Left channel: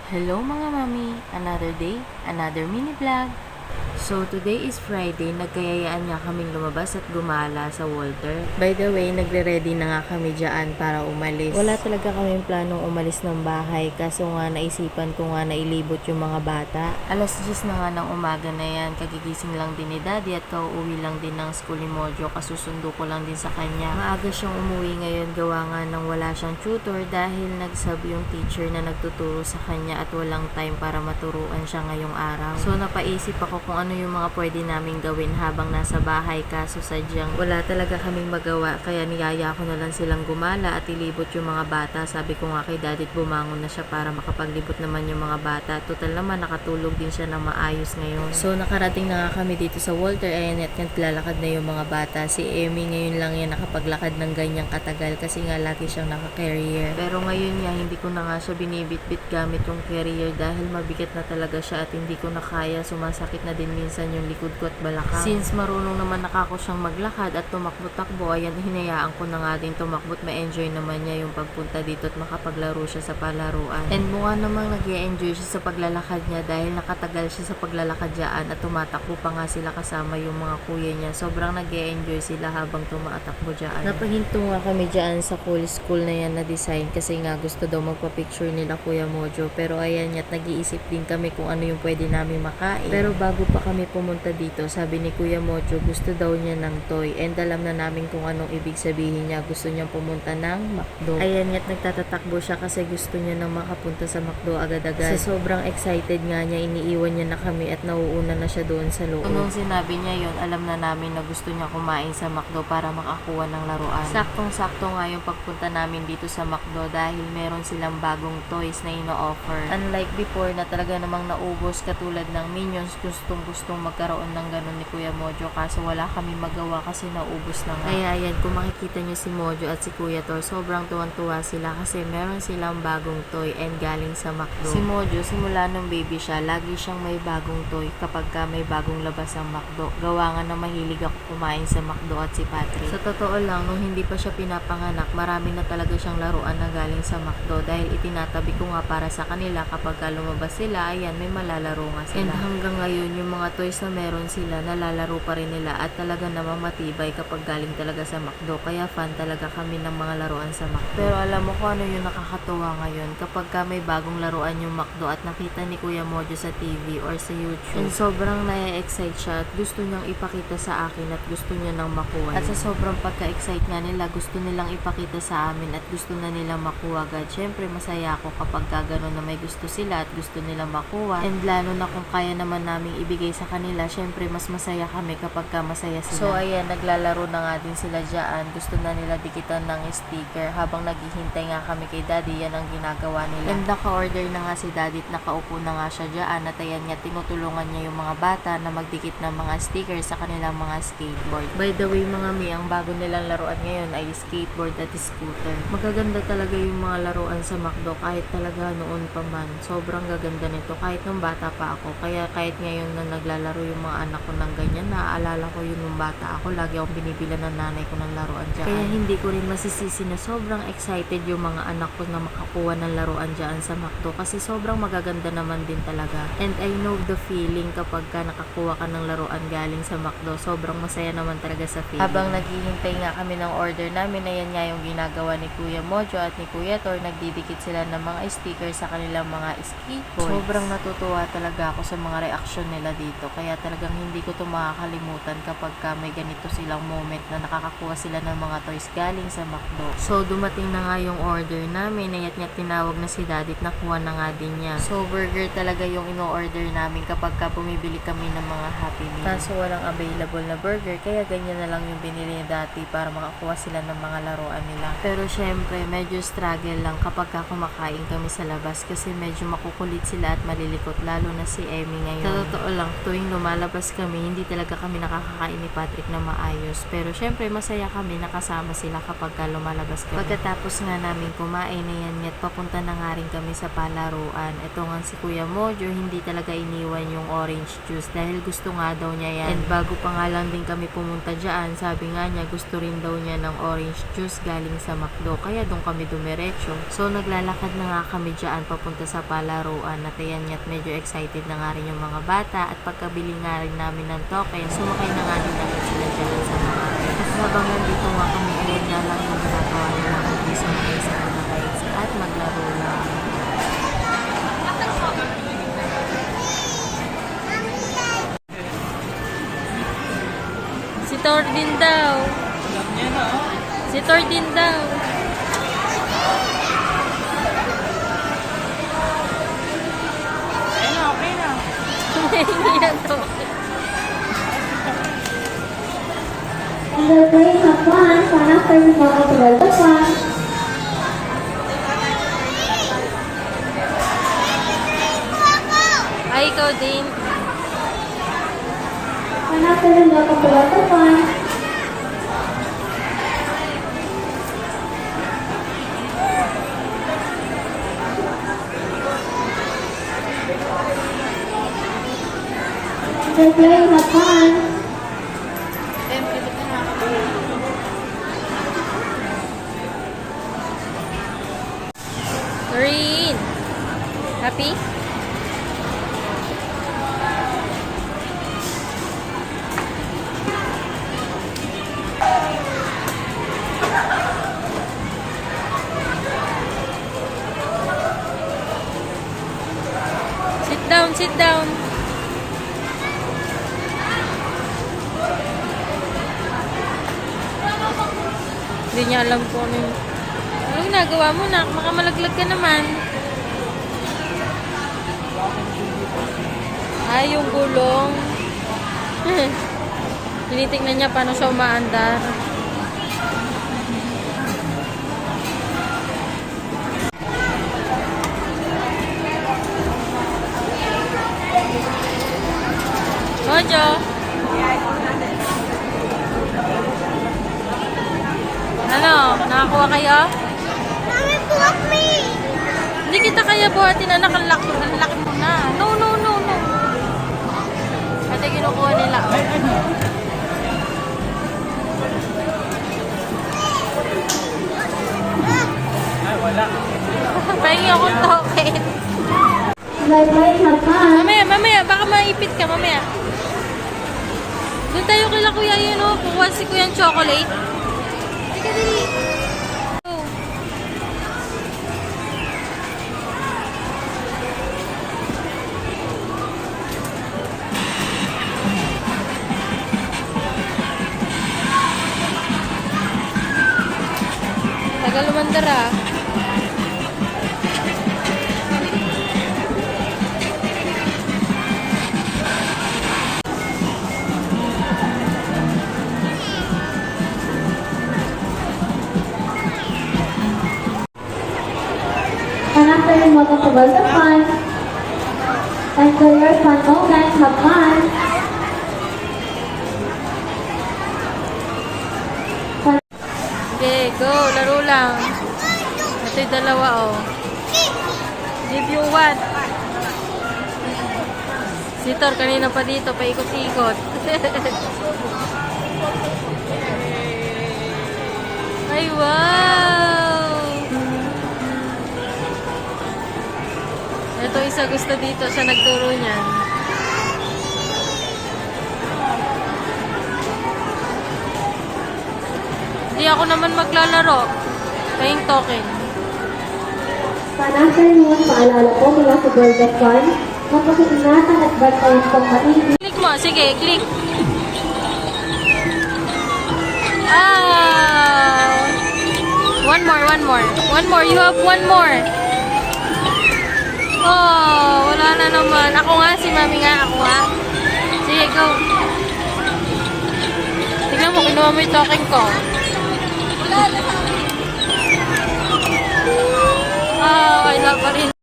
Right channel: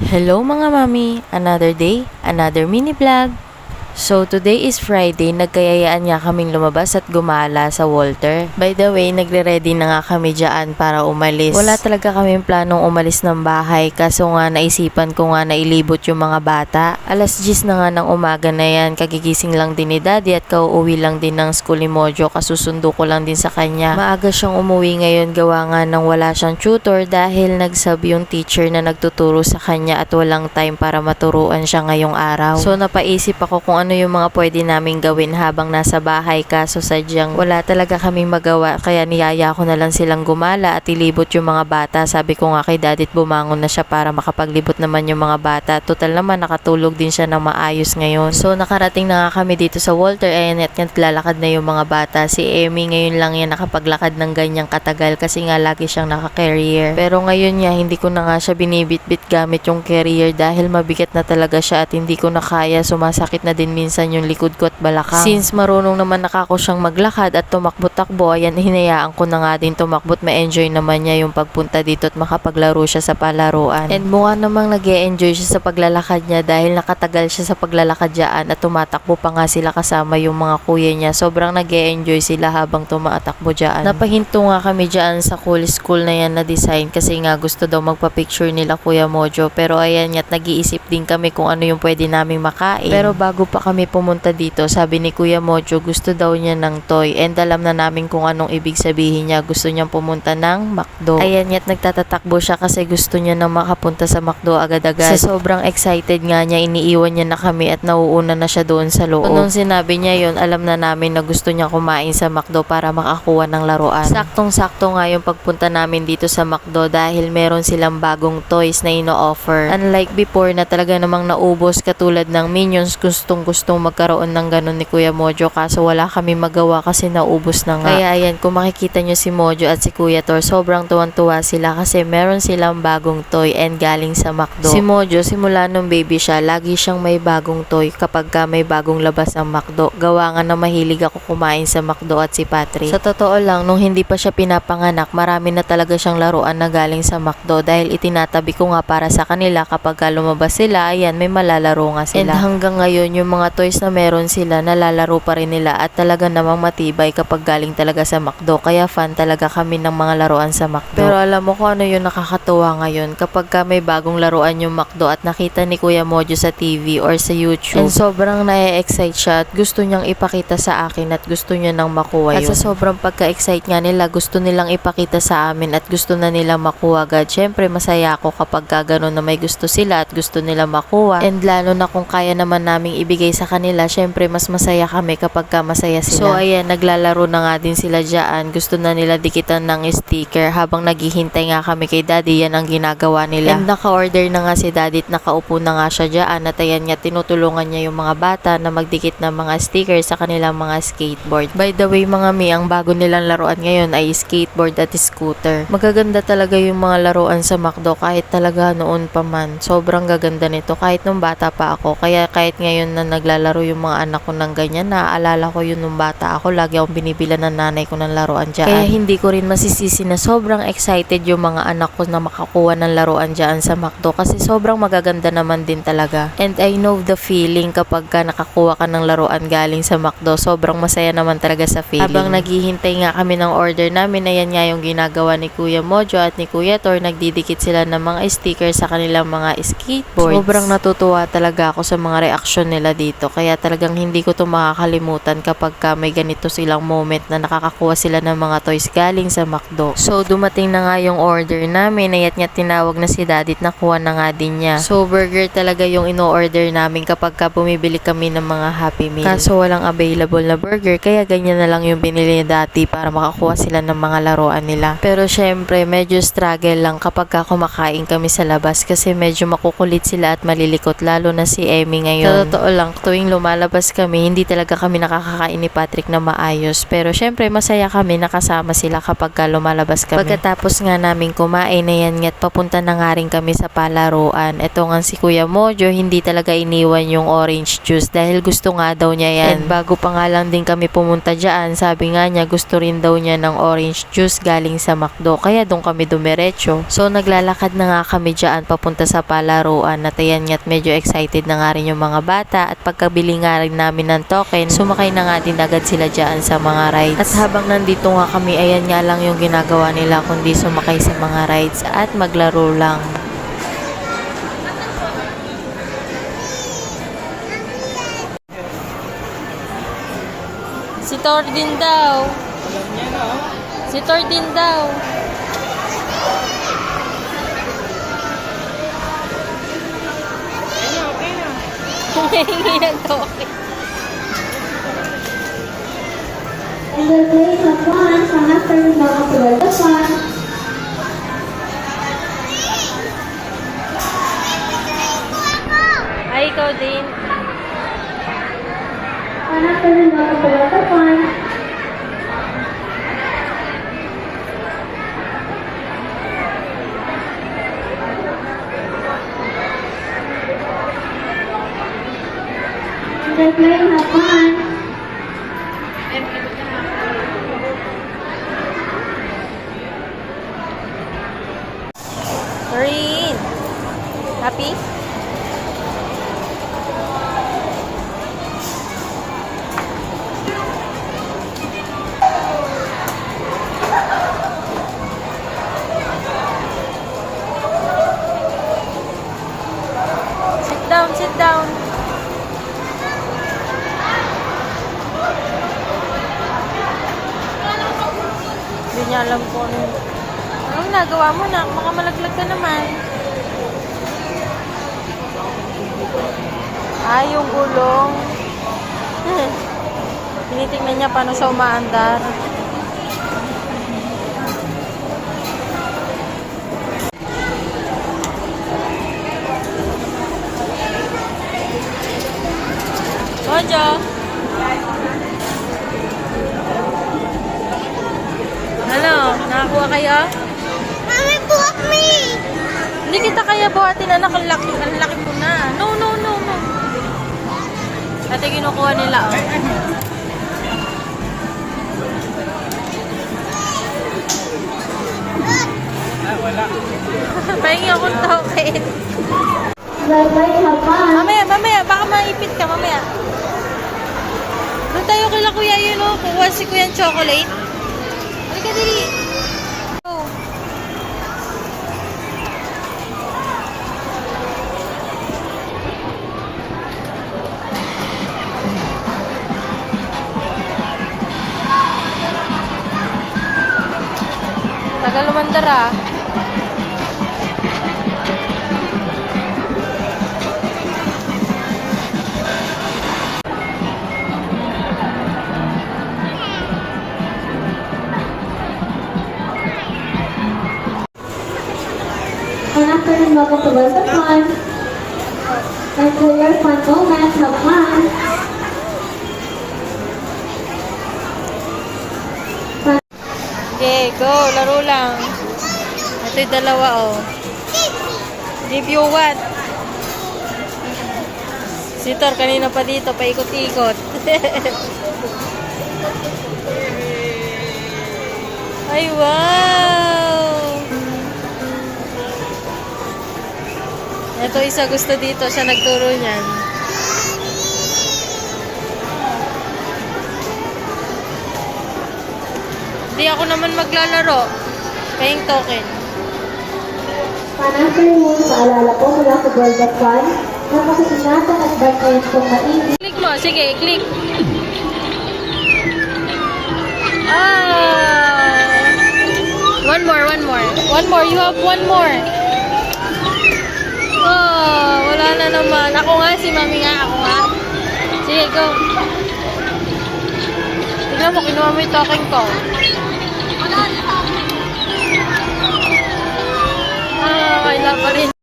Hello mga mami! Another day, another mini vlog. So today is Friday, nagkayayaan nga kaming lumabas at gumala sa Walter. By the way, nagre-ready na nga kami dyan para umalis. Wala talaga kaming planong umalis ng bahay kaso nga naisipan ko nga na ilibot yung mga bata. Alas 10 na nga ng umaga na yan, kagigising lang din ni Daddy at kauuwi lang din ng school ni Mojo, kasusundo ko lang din sa kanya. Maaga siyang umuwi ngayon gawa nga nang wala siyang tutor dahil nagsab yung teacher na nagtuturo sa kanya at walang time para maturuan siya ngayong araw. So napaisip ako kung ano yung mga pwede naming gawin habang nasa bahay kaso sadyang wala talaga kaming magawa kaya niyaya ko na lang silang gumala at ilibot yung mga bata. Sabi ko nga kay Daddy bumangon na siya para makapaglibot naman yung mga bata. Total naman nakatulog din siya ng maayos ngayon. So nakarating na nga kami dito sa Walter. Ayan at naglalakad na yung mga bata. Si Emmy ngayon lang yan nakapaglakad ng ganyang katagal kasi nga lagi siyang naka-carrier. Pero ngayon nga hindi ko na nga siya binibit-bit gamit yung carrier dahil mabigat na talaga siya at hindi ko na kaya. Sumasakit na din minsan yung likod ko at balakang. Since marunong naman nakako siyang maglakad at tumakbo-takbo, ayan hinayaan ko na nga din tumakbo at ma-enjoy naman niya yung pagpunta dito at makapaglaro siya sa palaruan. And mukha namang nag-e-enjoy siya sa paglalakad niya dahil nakatagal siya sa paglalakad dyan at tumatakbo pa nga sila kasama yung mga kuya niya. Sobrang nag-e-enjoy sila habang tumatakbo dyan. Napahinto nga kami dyan sa cool school na yan na design kasi nga gusto daw magpa-picture nila Kuya Mojo. Pero ayan nga't nag-iisip din kami kung ano yung pwede naming makain. Pero bago pa kami pumunta dito, sabi ni Kuya Mojo gusto daw niya ng toy and alam na namin kung anong ibig sabihin niya. Gusto niyang pumunta ng McDo. Ayan nga't nagtatatakbo siya kasi gusto niya na makapunta sa McDo agad-agad. Sa sobrang excited nga niya, iniiwan niya na kami at nauuna na siya doon sa loob. Nung sinabi niya yon, alam na namin na gusto niya kumain sa McDo para makakuha ng laruan. Saktong-sakto nga yung pagpunta namin dito sa McDo dahil meron silang bagong toys na ino-offer. Unlike before na talaga namang naubos katulad ng Minions, gustong magkaroon ng ganun ni Kuya Mojo kaso wala kami magawa kasi naubos na nga. Kaya ayan, kung makikita nyo si Mojo at si Kuya Tor, sobrang tuwan-tuwa sila kasi meron silang bagong toy and galing sa McDo. Si Mojo, simula nung baby siya, lagi siyang may bagong toy kapag ka may bagong labas ng McDo. Gawa nga na mahilig ako kumain sa McDo at si Patrick. Sa totoo lang, nung hindi pa siya pinapanganak, marami na talaga siyang laruan na galing sa McDo dahil itinatabi ko nga para sa kanila kapag ka lumabas sila, ayan, may malalaro nga sila. And hanggang ngayon, yung mga toys na meron sila, nalalaro pa rin nila at talaga namang matibay kapag galing talaga sa McDo. Kaya fan talaga kami ng mga laruan sa McDo. Pero alam mo kung ano yung nakakatuwa ngayon kapag ka may bagong laruan yung McDo at nakita ni Kuya Mojo sa TV or sa YouTube. And sobrang na-excite siya at gusto niyang ipakita sa akin at gusto niya nang makuha yun. At sa sobrang pagka-excite nga nila, gusto nilang ipakita sa amin at gusto na nilang makuha agad. Syempre masaya ako kapag ka ganun na may gusto sila at gusto nila makuha. And lalo na kung kaya naman naming ibigay sa kanila, syempre mas masaya kami kapag ka masaya sila. So ayan, naglalaro na nga din sila dyan. Gusto na nila dikitan ng sticker habang naghihintay nga kami kay Daddy. Yan ang ginagawa nila. And naka-order na nga si Daddy at nakaupo na nga siya dyan at ayan nga tinutulungan niya yung mga bata na magdikit ng mga sticker sa kanilang mga skateboard. By the way mga mi, ang bago nilang laruan ngayon ay skateboard at scooter. Magaganda talaga yung mga laruan sa McDo kahit talaga noon pa man. Sobrang gaganda nito kahit nung bata pa ako. Kaya kahit ngayon na naglalaro yung mga anak ko ng ganyan, naaalala ko yun nung bata ako. Lagi akong binibilan ng nanay ko ng laruan dyan. Kaya hindi ko rin masisisi na sobrang excited yung mga anak ko na makakuha ng laruan dyan sa McDo kasi sobrang magaganda naman din talaga. And I know the feeling kapag ka nakakuha ka ng laruan galing sa McDo. Sobrang masaya naman talaga sa feeling. Habang naghihintay nga kami ng order namin, ayan nga yung ginagawa ni Kuya Mojo at ni Kuya Tor. Nagdidikit sila ng mga sticker sa kanilang mga skateboards. Sobrang natutuwa talaga ako sa mga reaksyon nila dito. Kaya talagang hindi ko to makakalimutan kapag ka may ganito silang moment na nakakakuha sila ng mga toys galing sa McDo. So dumating na nga yung order namin. Ayat nga tinawag na si Daddy at nakuha na nga din niya. So burger talaga yung ino-order namin kapag ka bumibili kami ng mga Happy Meal. Kaso walang available na burger kaya ganyan na lang yung binili ni Daddy para makakuha sila ng mga laruan nila. Pero syempre medyo struggle lang kapag ka kumakain kami sa labas kasi medyo makukulit sila at malilikot lalo na si Emmy ngayon. Sa totoo lang, tuwing lumalabas kami, hindi talaga kami nakakakain ni Patrick na maayos. Pero syempre, masaya kami nakasama sila kapag lumalabas kami. Pagkatapos nga namin kumain na yan nga't papunta na nga rin kami sa palaruan. Ito nga si Kuya Mojo, hindi talaga iniwan yung orange juice dahil gusto nga daw niya yan. And bago pa nga lang din kami pumunta dyan, sabi nga niya gusto rin daw niya ng orange juice galing sa McDo. Kaya doon kami dumiretso. So naglalakad na nga kami dyan papunta sa palaruan. At ayan nga't medyo excited na nga rin yung mga bata. At pagkabili nga rin namin ng token, sumakay na nga din agad sila dyan sa mga rides. At habang nandito nga kami, ayan nga lang yung ginagawa nila kundi sumakay sa mga rides at maglaro lang. Si Tordin daw. Si Tordin daw. Hindi na token. And the place of one, sana for the mga paglalakad. Ay, ikaw din. Sana for the mga paglalakad. And the place of one. Green. Happy? Sit down, sit down. Hindi niya alam po anong nagawa mo na? Baka malaglag ka naman. Ay, yung gulong. Tinitingnan niya paano sa umaandar. Mojo! Ano? Nakakuha kayo? Mommy, put me! Hindi kita kaya buhatin, anak. Ang laki mo na. No, no, no, no. Ito kinukuha nila. Ay, wala. Pahingi akong token. The place of one. Mamaya. Baka maipit ka, mamaya. Doon tayo kila kuya yun, oh. Kukuha si kuya ng chocolate. Halika, dali. Oh. Tagal lumandar, ah. And after the moment to the fun, enjoy your fun moment, have fun. Okay, go. Laro lang. Ito'y dalawa, oh. Give you what? Si Tor, kanina pa dito, paikot-ikot. Ay, wow! Ito isa gusto dito. Siya nagturo niyan. Hindi ako naman maglalaro. Paying token. Panafternoon, paalala po mula sa World of Fun, mapakiingatan at bantayan pong mainit. Click mo. Sige, click. Ah! One more. One more. You have one more. Oh, wala na naman. Ako nga, si Mami nga. Ako nga. Sige, go. Tignan mo, kinuha mo yung token ko. Ah, kailan pa rin.